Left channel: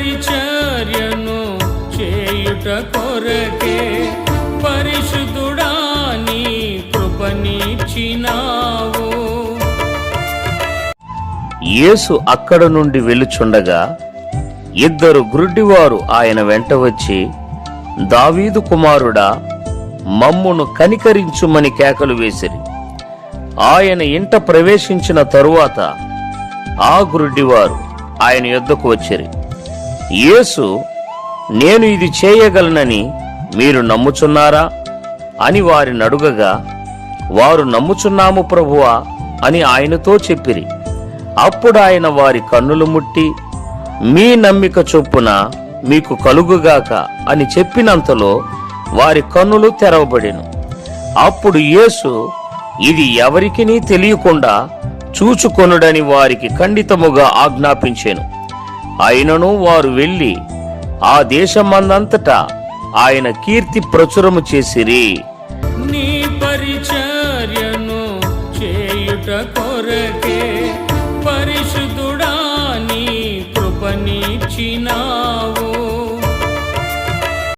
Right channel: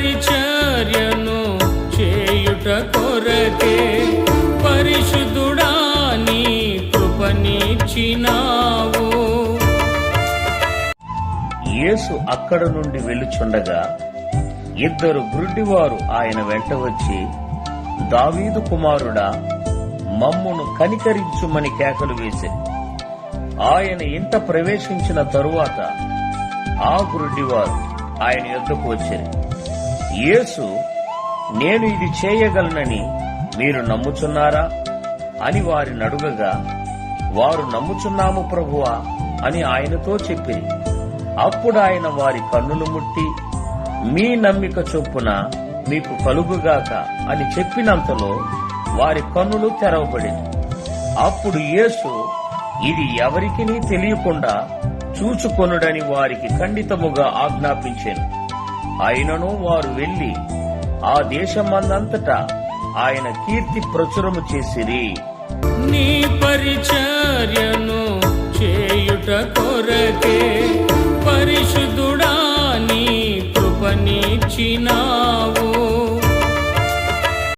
పరిచర్యను చేయుట కొరకే పరిశుద్ధుడా నీ కృపనిచ్చినావు. యేసు అక్కడ నుండి వెళ్ళుచుండగా ఇద్దరు గ్రుడ్డివారు ఆయన వెంట వచ్చి దావీదు కుమారుడా మమ్మును కనికరించుమని కేకలు వేసిరి. ఆయన ఇంట ప్రవేశించిన తరువాత ఆ గ్రుడ్డివారు ఆయన యుద్ధకు వచ్చిరి. యేసు నేను ఇది చేయగలనని మీరు నమ్ముచున్నారా? అని వారి నడుగగా వారు నమ్ముచున్నాము ప్రభువా అని ఆయనతో చెప్పిరి. అప్పుడు ఆయన వారి కన్నులు ముట్టి మీ నమ్మిక చొప్పున మీకు కలుగుగాక అని చెప్పినంతలో వారి కన్నులు తెరవబడిను. అప్పుడు యేసు ఇది ఎవరికినీ తెలియకుండా చూచుకొనుడని వారికి ఖండితముగా ఆజ్ఞాపించాను. అయినను వారు వెళ్ళి ఆ దేశమందంతటా ఆయన కీర్తి ప్రచురము చేసిరి. నీ పరిచర్యను చేయుట కొరకే పరిశుద్ధుడా నీ కృపనిచ్చినావు.